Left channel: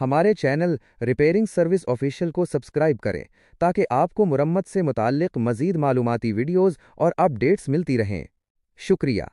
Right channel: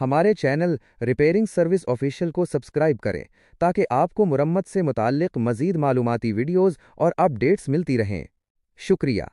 हमारे channel repairing service official को subscribe करें ताकि आपको मुरम्मत से मुताल्लिक मज़ीद मालूमाती वीडियोज़ और अपडेट्स मिलती रहें। शुक्रिया।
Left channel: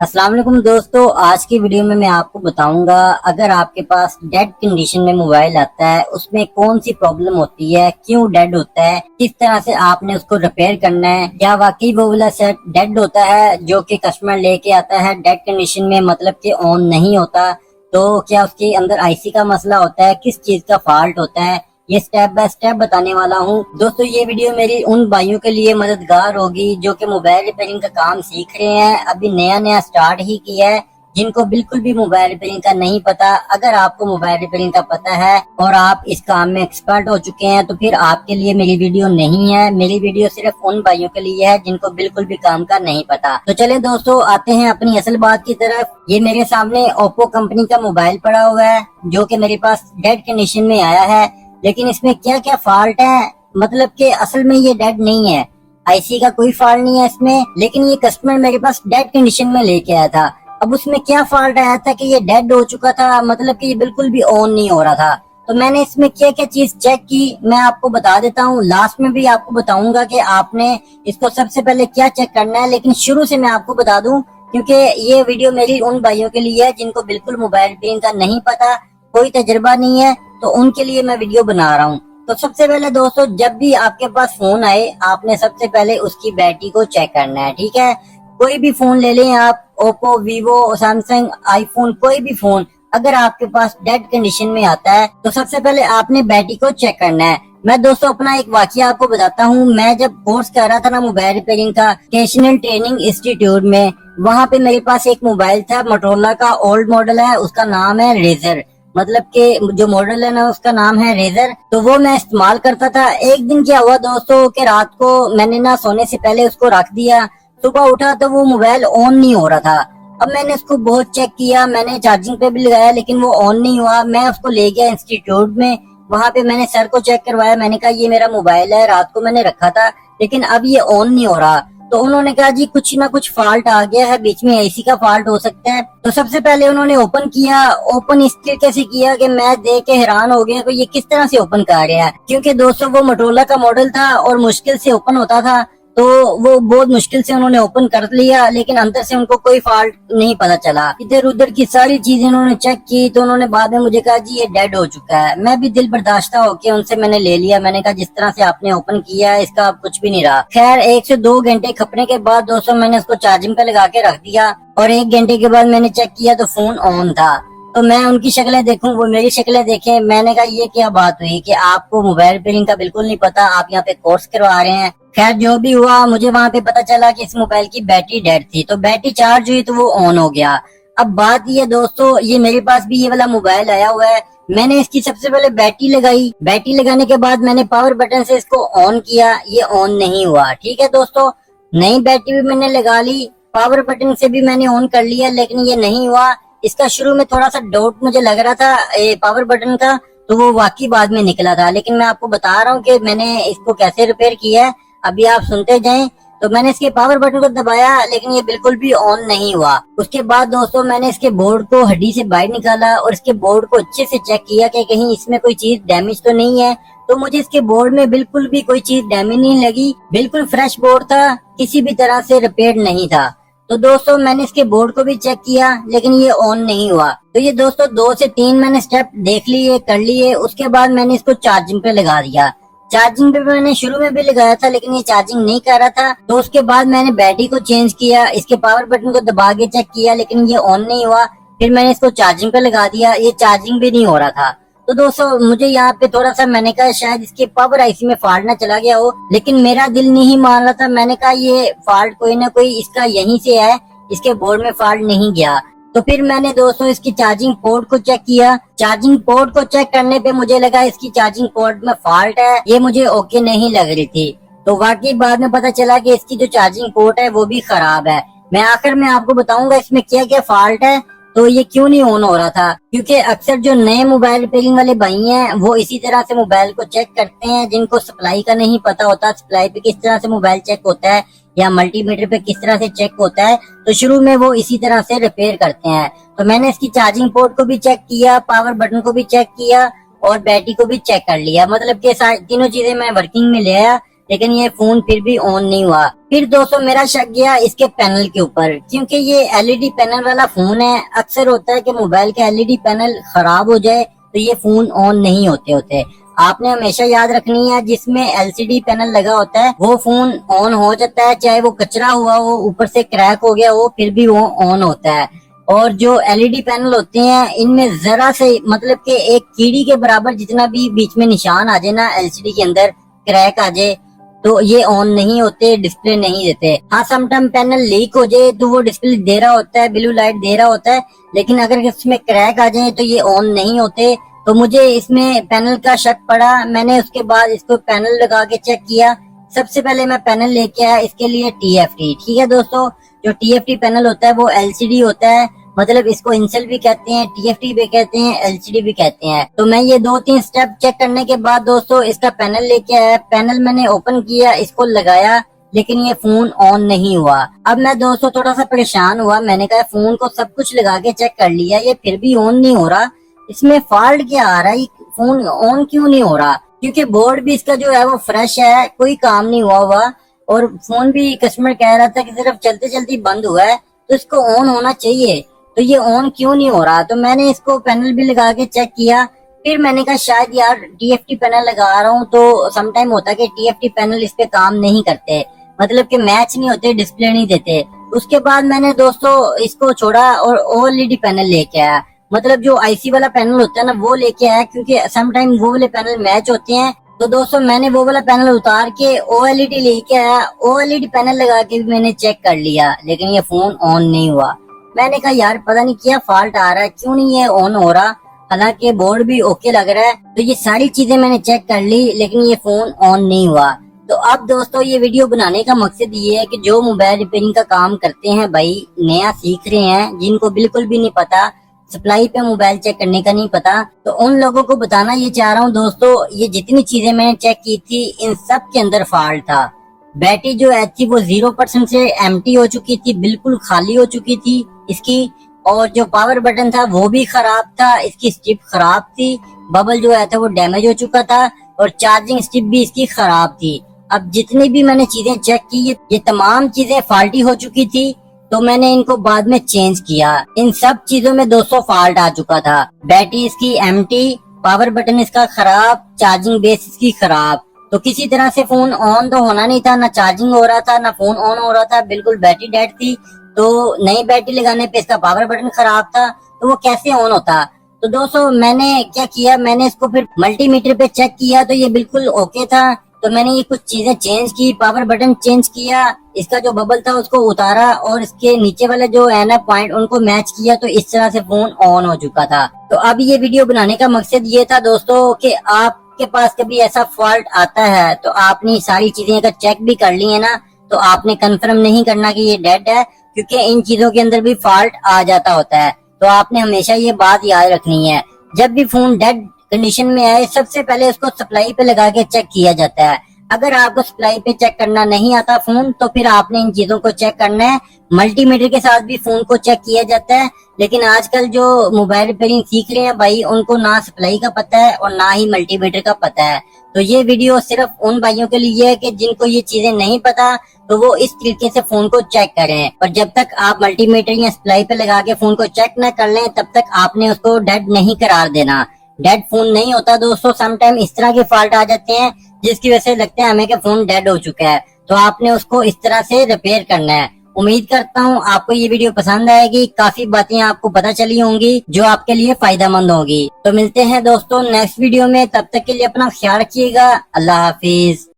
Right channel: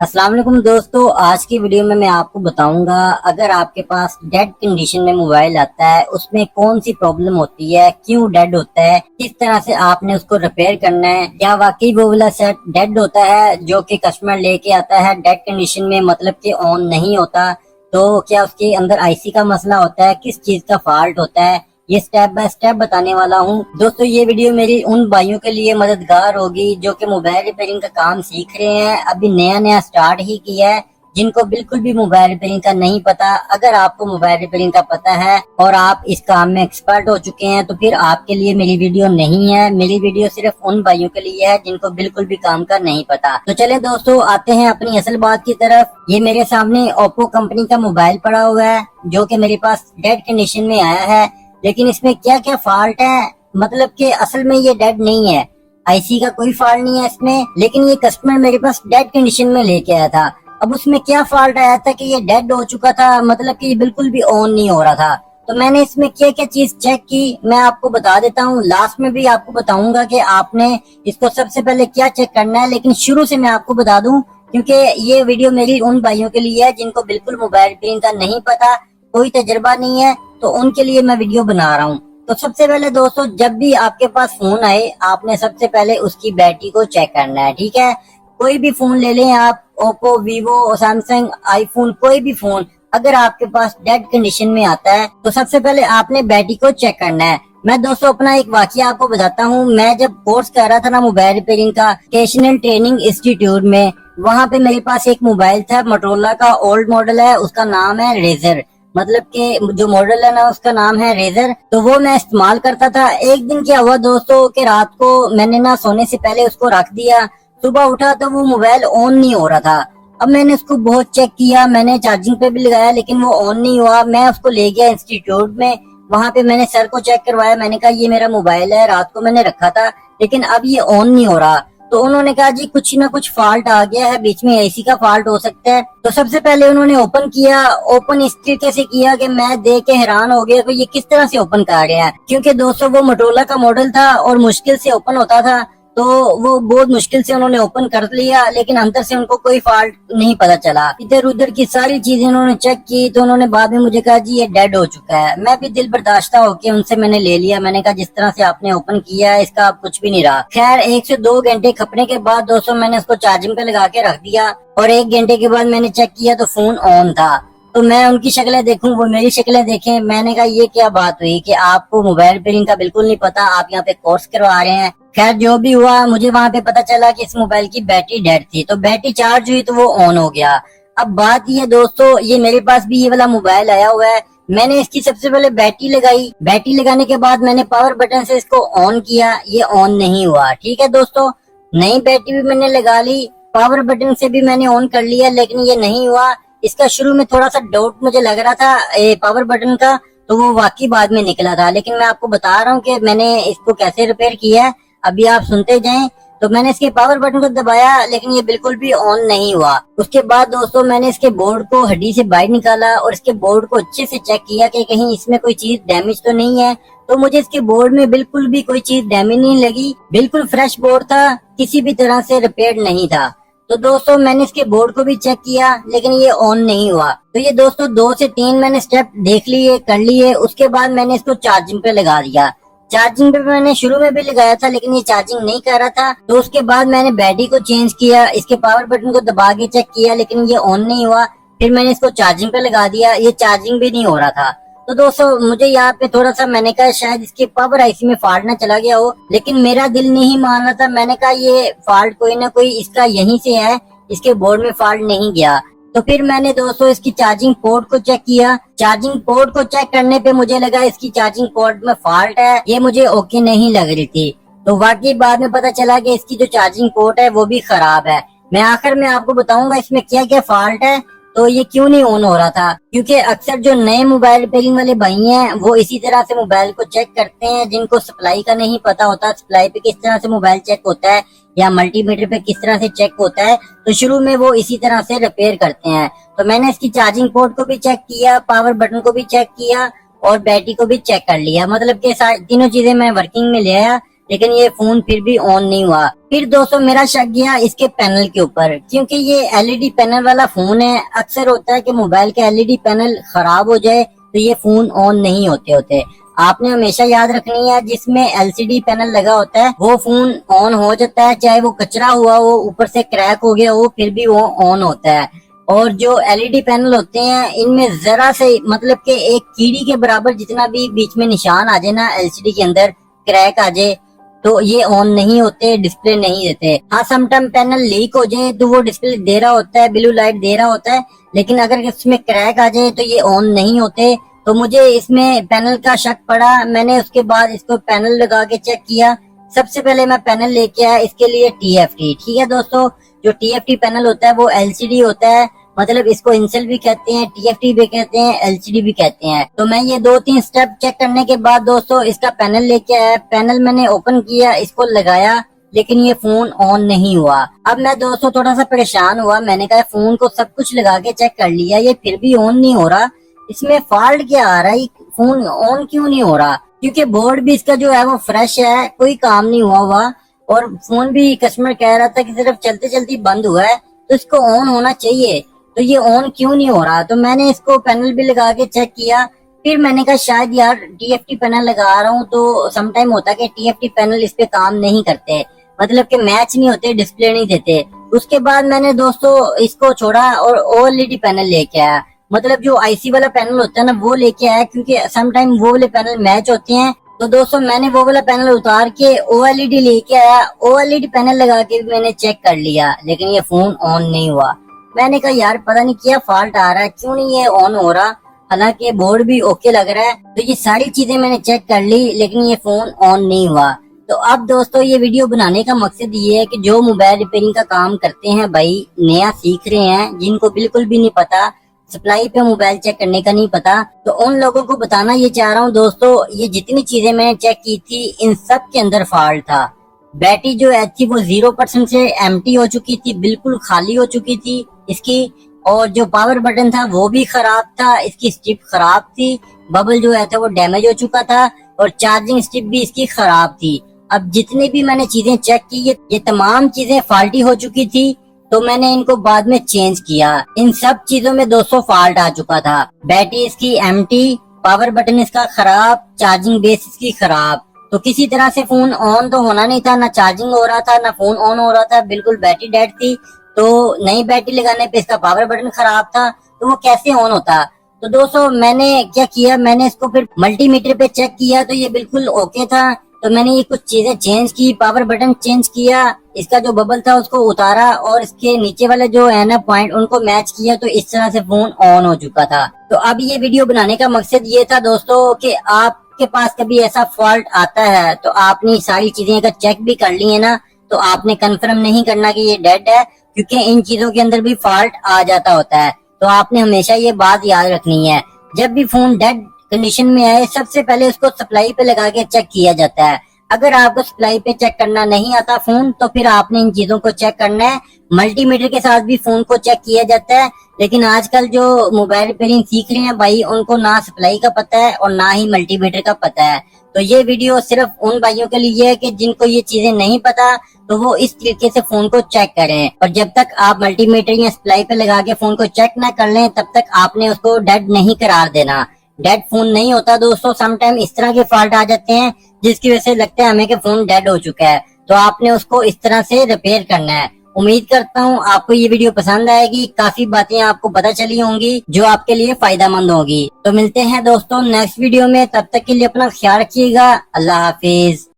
अस्सलाम वालेकुम दोस्तों, आज की वीडियो में मैं आपको बताऊंगा अगर आपके पास डेड कंडीशन में मोबाइल आता है उसमें कौन सी प्रॉब्लम होती है, क्यों डेड होता है, किस तरह से आपने उसको रिपेयर करना है, क्या वाकई वो वाला सेट डेड होता है जो कि कस्टमर लेके आता है डेड कंडीशन में, मतलब कि ऑन नहीं होता, तो क्या उसके अंदर आईसी का मसला होता है, किस चीज का फॉल्ट होता है, ये स्टेप बाय स्टेप बताने वाला हूँ। दोस्तों ये वीडियो मेरी उन भाइयों के लिए मददगार होगी जो कि मोबाइल रिपेयरिंग का काम सीख रहे हैं, अभी नया नया स्टार्ट ही किया है, जिनको बिल्कुल भी मोबाइल रिपेयरिंग का नहीं पता। अगर आपको मोबाइल रिपेयरिंग का पता है और आप इस काम में एक्सपर्ट हो चुके हैं तो फिर आपके लिए मेरी वीडियो नहीं है। मेरी वीडियो सिर्फ उन भाइयों के लिए है जिनको बिल्कुल भी काम का नहीं पता। तो चले दोस्तों आते हैं अपनी असल बात की तरफ। ये मेरे सामने ओप्पो कंपनी का मोबाइल पड़ा हुआ है जो कि मेरे पास डेड कंडीशन में आया है, लेकिन इसमें क्या क्या फॉल्ट है, मतलब कि असल में ये डेड नहीं है, आईसी का कोई फॉल्ट नहीं है इसमें, लेकिन ये कस्टमर मेरे पास डेड कंडीशन में लेके आया था। अब उसमें क्या फॉल्ट आया था कि ये डेड हो चुका था, मतलब कि ये बिल्कुल भी ऑन नहीं हो रहा था। तो मैंने इसमें क्या क्या चीज चेक की मैं आपको बता देता हूँ, लास्ट में भी आपको बताऊंगा कि आपने इसको सबसे पहले क्या चेक करना है, लेकिन शुरू से मैं आपको बता दूं क्योंकि ये वीडियो मेरी उन भाइयों के लिए है जिनको बिल्कुल मोबाइल रिपेयरिंग का नहीं पता, कोई तजुर्बा नहीं है, तो उनके लिए मैं वीडियो बना रहा हूँ। तो सबसे पहले दोस्तों जब भी आपके पास फोन आए आपने सबसे पहले उसकी बैटरी को चेक करना है, ठीक है। कोई भी फोन ले लें आप, ओप्पो, वीवो, सैमसंग, आईफोन, कोई भी फोन अगर आपके पास डेड कंडीशन में आता है तो सबसे पहले आपने बैटरी को चेक करना है। मैं दोस्तों अपना एक वाकया आपको बताता हूँ। मैं जब कोर्स कर रहा था ना मोबाइल रिपेयरिंग का वोकेशनल ट्रेनिंग इंस्टीट्यूट में, वहाँ पे मेरे पास एक मोबाइल था, मोटोरोला का ओल्ड मॉडल है, उसका नाम है रेजर, मतलब कि जो मॉडल है ना उसका नाम है रेजर। तो वो मैं इस्तेमाल करता था। एक दिन क्या हुआ दोस्तों कि रात को मैंने ना सोने से पहले उसको रख दिया, सुबह उठा तो वो मोबाइल ऑन नहीं हो रहा था। अब मैंने उसको बहुत चेक किया, मैंने चार्जिंग पे भी लगाया लेकिन वो ऑन नहीं हुआ। मैं उसको ले गया इंस्टीट्यूट में, वहां पे मैंने सर को चेक करवाया, मैंने कहा ये मेरा मोबाइल है, रात को मैंने रखा था लेकिन अब ये ऑन नहीं हो रहा। तो उन्होंने कहा जी कुछ ना कुछ फॉल्ट आ गया है, बीच में एसी का फॉल्ट हो सकता है। तो सबसे पहले उन्होंने ओपन किया। ओपन इस तरीके से किया कि मैं देख के हैरान हो गया कि ये किस तरह से ओपन कर रहे हैं, क्योंकि दोस्तों वो मोटोरोला का मॉडल था और मुश्किल से ओपन होता था, तो वो बहुत मुश्किल से उन्होंने ओपन कर लिया, लेकिन अंदर से उनको कोई फॉल्ट नहीं पता चला। इधर उधर की सारी चीजें उन्होंने चेक की तो उन्होंने बाद में मुझे कहा जी ये डेड हो चुका है। मैं भी दिल बर्दाश्ता होकर उनसे मैंने ले लिया, मैंने कहा जिस तरह से आपने ओपन किया है इसका अब कुछ भी नहीं रहा। खैर 1 से 2 घंटे खपने के बाद दोस्तों मैंने उसको चार्जिंग पे लगा के रख दिया और 1 घंटे के बाद मैंने चेक किया तो फोन ऑन था। तो मैं उनकी शक्लें देखूं, वो मेरी शक्लें देखें, मैंने कहा ये क्या बात हुई कि आपको मोबाइल रिपेयरिंग का बिल्कुल नहीं पता, आप यहाँ पे कोर्स करवा रहे हैं। खैर जो भी हुआ मुझे वहाँ पे पता चला कि इस मोबाइल की बैटरी डेड थी, तो बैटरी चार्ज हुई तो वो ऑन हो गया। अब बात ये दोस्तों, ये मेरे पास भी ये वाला मोबाइल आया हुआ है, मैंने इसकी सबसे पहले बैटरी लगाई, बैटरी लगाने के बाद मैंने पावर बटन से इसको ऑन किया, ये ऑन नहीं हुआ। ठीक है दोस्तों, नई बैटरी भी मैंने लगा ली, पावर बटन से भी मैंने ऑन कर लिया लेकिन ये नहीं हुआ। इसका शुरू में थोड़ा सा डाउट मुझे लग रहा था पावर बटन का, तो वो वाकई बाद में निकला था, लेकिन मैं आपको बता रहा हूँ कि मैंने इसको कैसे रिपेयर किया है, अभी आप सुनते जाएं। तो मैंने इसके पावर बटन को दबाया लेकिन ये बिल्कुल भी ऑन नहीं हुआ। उसके बाद दोस्तों मैंने इसके बोर्ड को हड्डी से बाहर निकाला और इसके बोर्ड को अच्छे से चेक किया कि कहीं इसमें कोई चीज डैमेज तो नहीं है। तो मुझे इसके बोर्ड में बिल्कुल भी कोई चीज डैमेज नहीं लगी, बिल्कुल फ्रेश बोर्ड था, किसी भी तरह से रिपेयर नहीं था। तो दोस्तों मैंने इसके बोर्ड को भी चेक किया लेकिन ये ऑन नहीं हुआ। तो ये दोस्तों 2 से 3 मैंने स्टेप देख लिए, कर लिए। उसके बाद मैंने इसको चार्जिंग पे लगा दिया। चार्जिंग पे मैंने शुरू में भी लगाया था लेकिन ये चार्जिंग नहीं कर रहा था। तो उसके बाद मैंने बैटरी को चेंज किया, इसके पावर बटन को दबा के चेक किया लेकिन ये ऑन नहीं हुआ। फिर मैंने इसको चार्जिंग पे लगा दिया, ये चार्जिंग भी नहीं हो रहा था। तो दोस्तों मुझे यहाँ पे थोड़ा सा मैंने कहा शायद इसके पावर आईसी में फॉल्ट ना चला गया हो, लेकिन मेरा दिल नहीं मान रहा था। मैंने कहा ये फॉल्ट कोई ना कोई इसका यहीं से है, इसके बोर्ड में फॉल्ट नहीं गया। तो फिर मैंने दोस्तों इसकी चार्जिंग पोर्ट को चेक किया। चार्जिंग पोर्ट को चेक करने पे मुझे लगा इसकी चार्जिंग पोर्ट में फॉल्ट है, ये मुझे ओके नहीं लग रही थी। तो वाकई बाद में पता चला कि इसकी जो चार्जिंग पोर्ट है वो भी खराब है। मैं आखिर में आपको बताऊंगा इसमें क्या क्या फॉल्ट है। तो ये क्यों नहीं ऑन हो रहा था, क्योंकि अक्सर जो नए मोबाइल रिपेयरिंग वाले भाई हैं वो इसी तरह से मोबाइल को चेक करते हैं, जिनको सप्लाई का नहीं पता होता, सप्लाई पे किस तरह से मोबाइल चेक होता है या मल्टीमीटर पे किस तरह से चेक होता है, तो शुरू में वो इसी तरह से रिपेयर करते हैं। तो मैंने इसकी चार्जिंग पोर्ट को भी चेक किया, पावर बटन को भी चेक किया और बैटरी को भी चेक कर लिया, मतलब कि तीनों चीजें मैं वर्किंग में ले आया, लेकिन ये फोन फिर भी ऑन नहीं हुआ। फिर दोस्तों मेरा शक गया इसके पैनल के ऊपर, क्योंकि ये एलईडी पैनल वाला फोन है। अक्सर होता है कि मोबाइल के एलईडी पैनल खराब हो जाए तो ये फोन ऑन नहीं होते। आपने हमेशा याद रखनी है, जिसमें एलसीडी पैनल लगा होता है वो फोन ऑन हो जाता है, चाहे वो कचरा हुआ हो, ऊपर से क्रैक हो गया हो, फिर भी वो ऑन होता है। और जो एलईडी पैनल होते हैं इनमें जरा से मतलब कि एक कीड़ी के बराबर जितना भी बीच में निशान आ जाए ना, एलसीडी के अंदर क्रैक आ जाए, तो ये ऑन नहीं होते, डिस्प्ले नहीं देते। हाँ, समटाइम पैनल लीक हो जाए तो वो डिस्प्ले दे रहा होता है, ब्लू लाइट दे रहा होता है, लेकिन अगर इसमें क्रैक आ जाए तो ये ऑन नहीं होते। तो मुझे इसमें पैनल का शक पड़ा। मैंने उसके बाद इसको पैनल लगा के चेक किया। सबसे पहले मैं पैनल लेके आया इसके लिए TFT। ठीक है दोस्तों, जो TFT पैनल होता है वो LCD होता है, मतलब इसको इंसेल भी कहते हैं, TFT भी कहते हैं, LCD भी कहते हैं। तो मैं ये 2-3 स्टेप चेक करने के बाद दोस्तों इसका पैनल लेके आया। पैनल मैंने ओपन किया, इसको लगाया, लेकिन ये फोन ऑन नहीं हुआ। अब मैं दोस्तों थोड़ा सा परेशान हुआ। मैंने कहा फोन को सब कुछ लगा के चेक कर लिया, ये फिर भी ऑन नहीं हो रहा, इसमें फॉल्ट क्या आ रहा है, फोन ऑन क्यों नहीं हो रहा? क्योंकि बोर्ड भी इसका जो है वो फ्रेश है, कोई काम नहीं हुआ और फोन भी कस्टमर कह रहा था कि सिर्फ चलते चलते बंद हुआ है, तो इसको ऑन होना चाहिए, तो ये ऑन क्यों नहीं हो रहा? तो मैंने इसको पैनल भी लगा के चेक किया। फिर मैंने कहा शायद यार TFT पैनल लगा रहा हूँ तो समटाइम होता है कि TFT पैनल इस पे काम नहीं करते, मतलब कि मैच नहीं होते, डिस्प्ले नहीं देते। उसके बाद मैंने दोस्तों इसको छोड़ा और OLED पैनल लेके आया, मतलब जो IC वाला पैनल होता है ना वो लेके आया, क्योंकि समटाइम वो वाले पैनल मैच होते हैं। तो दोस्तों मैंने वो वाला पैनल उतार के OLED लेके आया। OLED पैनल लगा के भी मैंने चेक कर लिया, लेकिन ये फोन ऑन नहीं हुआ। मैंने कहा यार पता नहीं क्या फॉल्ट आ रहा है, क्यों नहीं ये ऑन हो रहा, हालांकि बोर्ड भी ओके लग रहा है। तो ये सारी चीजें मैंने चेक कर ली, लेकिन ये फोन ऑन नहीं हुआ। तो अब दोस्तों ये वीडियो बनाने का मकसद ये है कि जो मोबाइल रिपेयरिंग का काम करते हैं भाई, नया सीख रहे हैं, जिनको बिल्कुल भी नहीं पता, सप्लाई पे मोबाइल चेक करने का नहीं पता, तो उन लोगों को बताना ये चाह रहा हूँ दोस्तों, ये जितनी चीजें मैंने चेक की थी इन सब के अंदर फॉल्ट था। बैटरी जो है थी वो 0% से एम्प्टी हो चुकी थी, बिल्कुल खाली हो चुकी थी इसकी। और जो पावर बटन था वो भी खराब था, इसकी स्ट्रिप खराब थी, बबल जो है था वो डैमेज हो चुका था, और चार्जिंग स्ट्रिप भी इसकी खराब थी। अब जितनी भी मैंने चीजें चेक की ये तमाम चीजें फॉल्टी हो चुकी थी, तो मैंने इनको बाद में चेंज किया। इन सब चीजों में दोस्तों फॉल्ट आ चुका था। बैटरी इसकी एम्प्टी, पावर बटन इसका खराब, चार्जिंग बेस इसकी खराब। तो किसी तरह से फोन ऑन तो होना नहीं था, ना चार्जिंग हो रहा था ना फोन ऑन हो रहा था, बिल्कुल बैटरी डेड थी। तो नई बैटरी लगाने पे इसका पावर बटन खराब था, तो वो कैसे ऑन होता? तो दोस्तों मैंने क्या किया, मैंने इसको फिर मल्टीमीटर पे चेक किया तो ये बिल्कुल ओके था। तो मैंने ये कुछ चीजें चेंज की, पावर बटन चेंज किया, इसका जो बबल था उसको उतारा और इसके नीचे वाले जो है ना पॉइंट उनको मैच किया, तो इस तरह से फोन ऑन हो चुका था। तो अब ये वीडियो बनाने का मकसद ये था दोस्तों कि आपके पास कभी ऐसा फॉल्ट आता है तो आपने सारी चीजें अगर चेक भी कर ली है ना, तो आपने कंफर्म नहीं करना कि ये डेड है, क्योंकि इन चीजों के अंदर भी फॉल्ट आ जाता होता है। तो आपने हमेशा ये बात याद रखनी है, जब भी फोन डेड कंडीशन में है सबसे पहले उसको सप्लाई पे लगा के चेक किया जाता है। अगर आपको सप्लाई पे चेक करना नहीं आता फोन, तो फिर आपने इन चीजों को चेक करना है। मल्टीमीटर के साथ भी फोन को चेक किया जाता है, लेकिन आजकल जो मोबाइल रिपेयरिंग सीख रहे हैं भाई, उनको ना सप्लाई का पता है और ना ही मल्टीमीटर का पता है। तो ये वीडियो सिर्फ उन भाइयों के लिए है कि जिनको ये चीजें नहीं पता, तो वो इस तरीके से फोन को चेक करें। और जब तक आप मल्टीमीटर या सप्लाई पे लगा के फोन को चेक न कर लें, तब तक आपने उसको डेड नहीं करार देना। डेड फोन नहीं होता दोस्तों, समटाइम इस तरह के फॉल्ट आ जाते हैं जिसकी वजह से लगता है हमें कि फोन डेड हो चुका है, तो आपने उसको इस तरह से रिपेयर करना है। उम्मीद करता हूँ आपको ये वीडियो पसंद आएगी, काफी बातें आपको पता चली होंगी जो आपके लिए फायदेमंद होंगी। तो मिलते हैं दोस्तों नेक्स्ट वीडियो में, तब तक के लिए अपना ख्याल रखिएगा। अल्लाह हाफिज।